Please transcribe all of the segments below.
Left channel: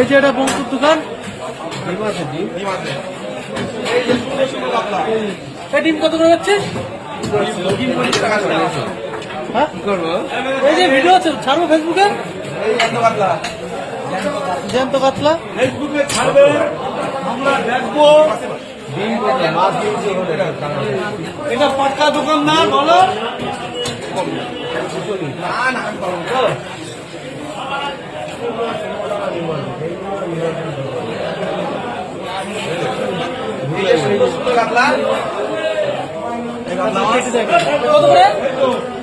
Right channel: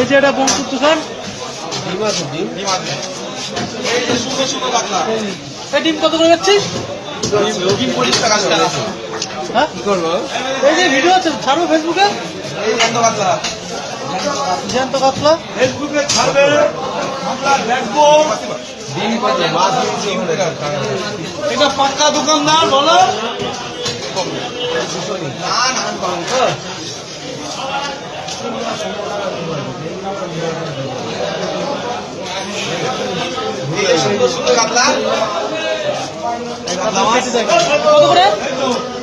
এই যে এটা বঙ্কুর দোকান। ডিম আছে, ডিম এই যে সুন্দর সুন্দর কাতলা। এই ডিম কত করে যাচ্ছে? ডিম 40 টাকা করে। হ্যাঁ কি করবো? এই যে ভিডিও আছে ছাড়বো ফেসবুকে। এই জ্যান্ত কাতলা জ্যান্ত কাতলা ফেসবুকে ছাড়বে, আমরা দেখবো। ডিম কত? মাছ ডিম এটা পাক্কা দোকানদার বলো। না না আমি পারবো তো। এই যে সুন্দর সুন্দর কাতলা কেটে দেয়। কত করে?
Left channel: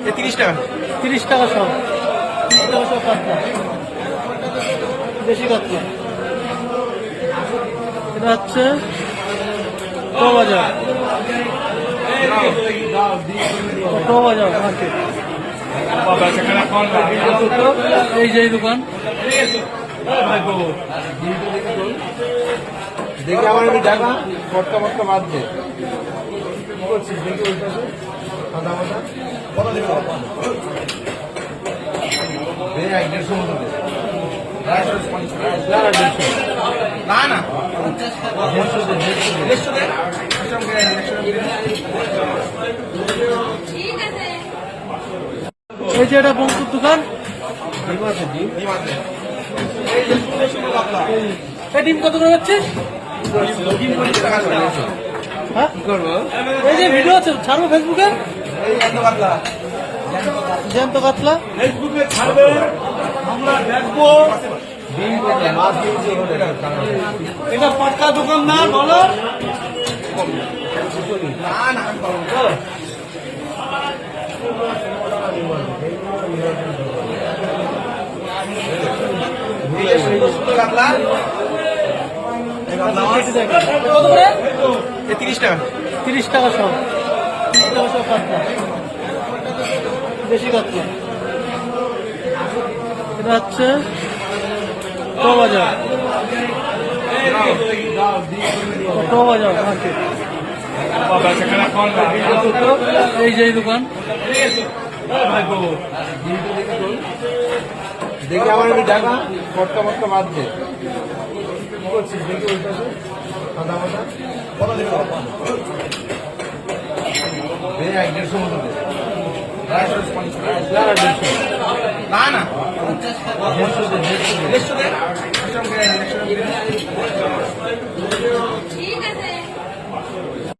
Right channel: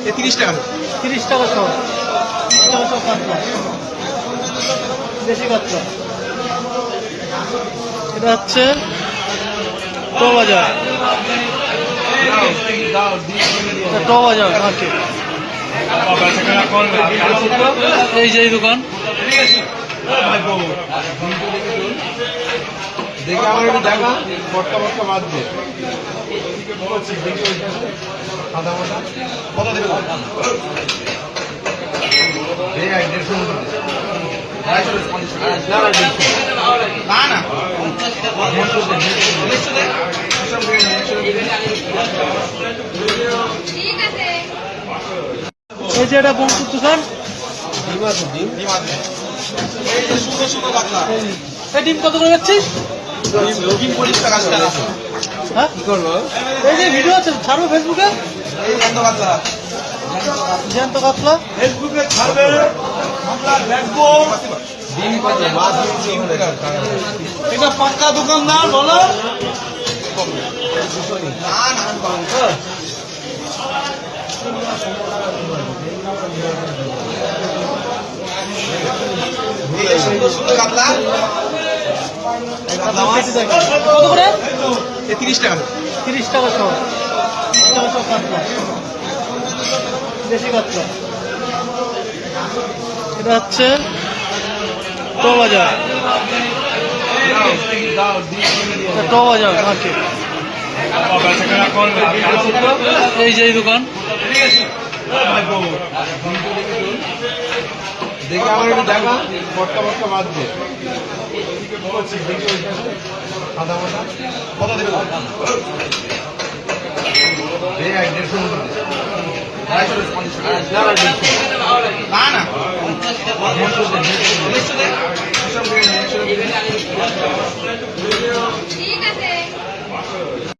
এই 30 টাকা। 30 টাকা সহ। 30 টাকা সহ কাতলা, দেশি কাতলা। এটা হচ্ছে টো বাজার, টো বাজার মার্কেট। এই যে এই দোকান। দেখে আমার একটু দেখা পটকা পটকা বাদ দে। কত দেবে? দেখ 150 মতো দে। 250 না না 150 না না 150 দে। 150 দে। হিসাব করে 150 দে। এই যে এটা বঙ্কুর দোকান। ডিম আছে, ডিম ডিম আছে। এই যে সুন্দর সুন্দর কাতলা এই ডিম কত করে যাচ্ছে? ডিম 40 টাকা করে। হ্যাঁ কি করবো? এই যে ভিডিও আছে ছাড়বো ফেসবুকে। এই জ্যান্ত কাতলা জ্যান্ত কাতলা ফেসবুকে ছাড়বে, আমরা দেখবো। ডিম কত? মাছ ডিম এটা পাক্কা দোকানদার বলো। না না আমি পারবো তো। এই যে সুন্দর সুন্দর কাতলা কেটে দেয়। কত করে? এই 30 টাকা। 30 টাকা সহ। 30 টাকা সহ কাতলা, দেশি কাতলা। এটা হচ্ছে টো বাজার, টো বাজার মার্কেট। এই যে এই দোকান। দেখে আমার একটু দেখা পটকা পটকা বাদ দে। কত দেবে? দেখ 150 মতো দে। 250 না না 150 না না 150 দে। 150 দে। হিসাব করে 150 দে।